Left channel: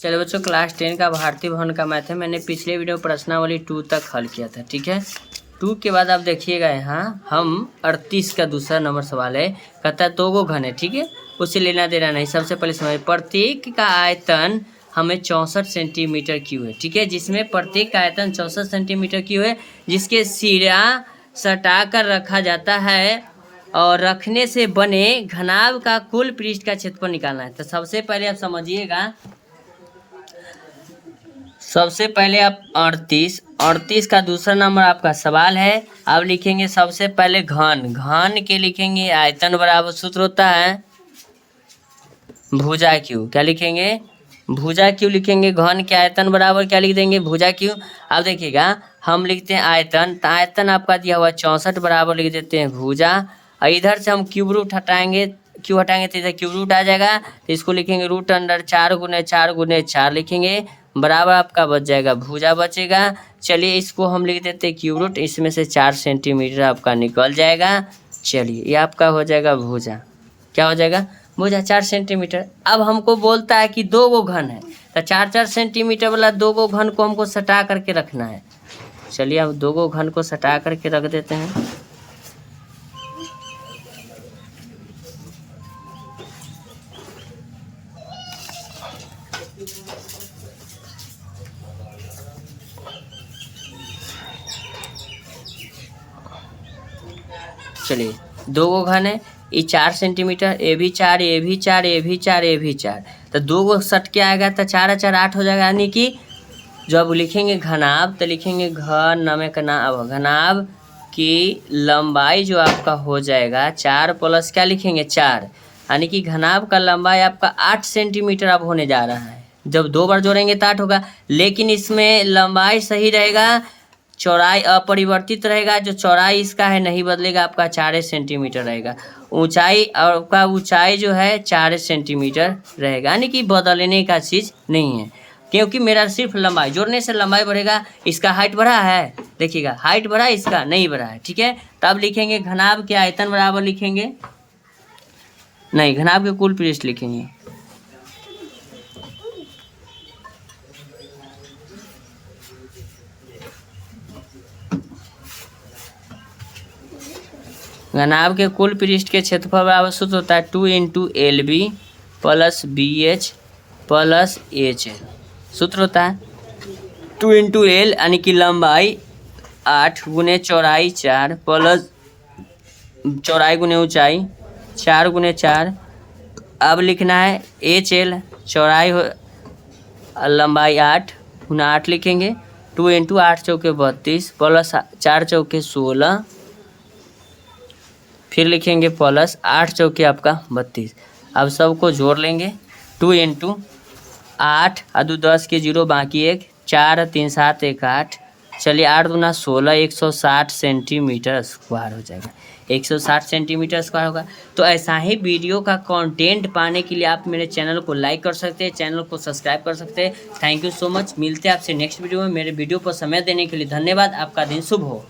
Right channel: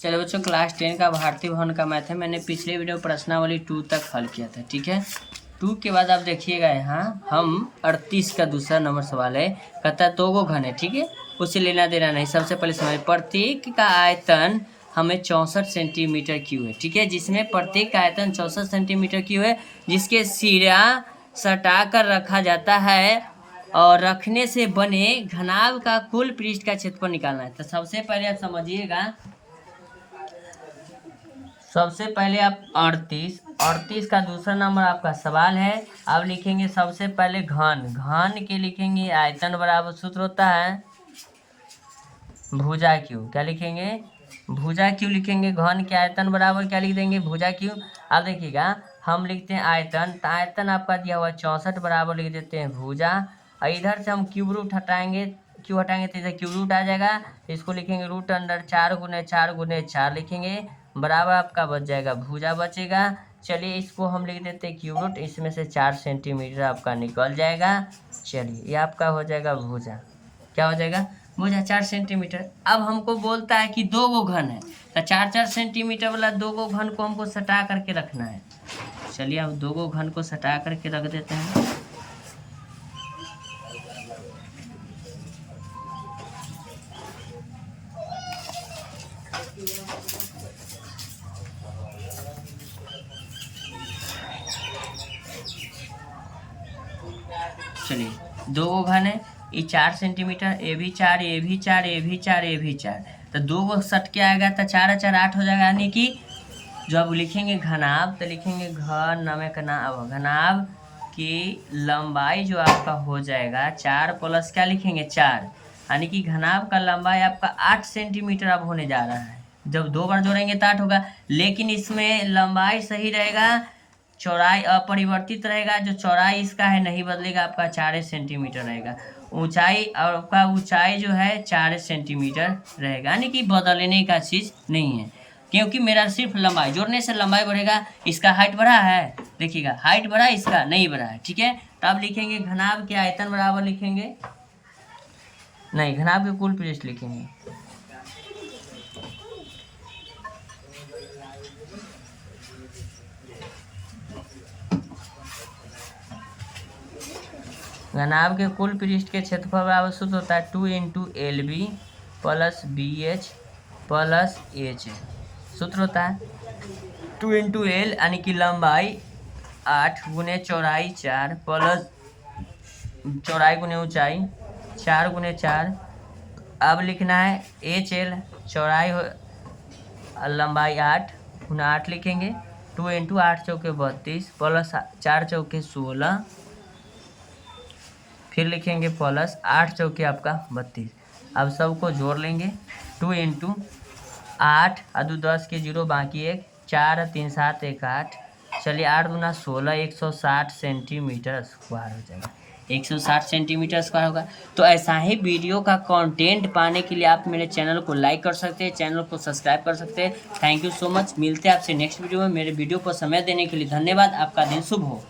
चलो बच्चों, क्लास 10 का भारतीय भवन का मैथ है। मैंने पिछले वीडियो प्रश्नावली 2 तक हल किया था, ठीक है। 2 के बाद आप देखिएगा, यहाँ हम 38 का दूसरा नंबर सवाल है। कहता है दो गो घन है, ठीक है, उसे लेना देना नहीं। सबसे पहले समझ, प्रत्येक का आयतन हमें 64 सेंटीमीटर क्यूब है, ठीक है, जिसमें प्रत्येक का आयतन 64 सेंटीमीटर क्यूब है, जिसके सिरा सटा कर रखा जाता है और रखने से बने घनाभ का कुल पृष्ठ का क्षेत्रफल निकालना है। तो सबसे पहले आप समझिएगा, सबसे पहले आप 38 का दूसरा नंबर आपका सवाल है। अब लिखेंगे सबसे पहले घन के लिखेंगे आयतन बराबर सूत्र होता है भुजा क्यू। क्या लिखेंगे? भुजा क्यू लिखेंगे। घन के आयतन बराबर क्या लिख देंगे? भुजा क्यू। अब देखिएगा, हम लिखते हैं आयतन, तो आयतन आपका दिया हुआ 64 बराबर लिख देते हैं भुजा। और इधर से हम क्यूब रूट हटाएंगे, क्यों हटाएंगे तो इधर क्यूब रूट आ जाएगा, तो इसको लिखेंगे रूट अंडर 4 गुने 4 गुने 4 लिखेंगे, बराबर आपका बच जाएगा भुजा बचेगा। चलिए इसको हम लिख देते हैं क्यूब रूट, इसमें से 4 सेंटीमीटर आपका निकल जाएगा। चलिए ये आपका हो जाएगा भुजा। क्या हो जाएगा? भुजा 4 सेंटीमीटर। अब हमको बोलता है कि दो गो घन है, तो 4-4 सेंटीमीटर वाला दो गो घन को हमको सटा करके रखना है। चलिए अब दो गो घन को सटा करके रख देते हैं। चलिए दो गो घन है, ये 4 सेंटीमीटर, ये भी 4, ये भी 4, ये भी 4, ये भी 4, तो दो गो सट के आएगा तो 4-4 8 हो जाएगा। यानी कि जब लिखेंगे घनाभ तो लिखेंगे घनाभ की लंबाई जो आपका हो जाएगा 4 प्लस क्या लिखेंगे 4, यानी कि घनाभ का लंबाई आपका 8 सेंटीमीटर अब होने जा रहा है। जब दो बार जोड़ेंगे तो 8 होगा, लेकिन इसमें लंबाई सही रहेगा, चौड़ाई अपरिवर्तित रहेगा। जो चौड़ाई इसका है नहीं बदलेगा, आपका 4 सेंटीमीटर रहेगा। ऊंचाई आपका ऊंचाई जो है 4 सेंटीमीटर रहेगा, यानी कि बदलने का चीज़ नहीं है, क्योंकि मेरा सिर्फ लंबाई जोड़ने से लंबाई बढ़ेगा। इसका हाइट बढ़ा है, देखिएगा हाइट बढ़ा, इसका नहीं बढ़ा है, ठीक है। तब लिखेंगे घनाभ के आयतन बराबर लिखेंगे, नहीं घनाभ के कुल पृष्ठ लिखेंगे। घनाभ के कुल पृष्ठ के क्षेत्रफल बराबर सूत्र होता है 2 into LB plus BH plus HL। सूत्र होता है 2 इंटू L यानी कि लंबाई 8 गुने चौड़ाई 4 प्लस चौड़ाई गुने ऊंचाई 4 गुने 4। अब लिखना है HL, चौड़ाई लंबाई 8 गुना 8 लिखेंगे, 2 इंटू 8 चौके 32 प्लस 4 चौके 16, फिर लिखेंगे प्लस 8 चौके आपका 32। अब सबको जोड़ लेंगे, 2 इंटू 8 अदू 10 के 0 बाकी 1, 4 3 7 1 8। चलिए 8 दूना 16, 160 सेंटीमीटर स्क्वायर हो जाएगा। 160 सेंटीमीटर स्क्वायर होगा। तो ऐसा ही वीडियो का कंटेंट पाने के लिए आप मेरे चैनल को लाइक कर सकते हैं, चैनल को सब्सक्राइब कर सकते हैं। Thank you so much. मिलते हैं आपसे नेक्स्ट वीडियो में। मेरे वीडियो को समय देने के लिए धन्यवाद। आपका दिन शुभ हो।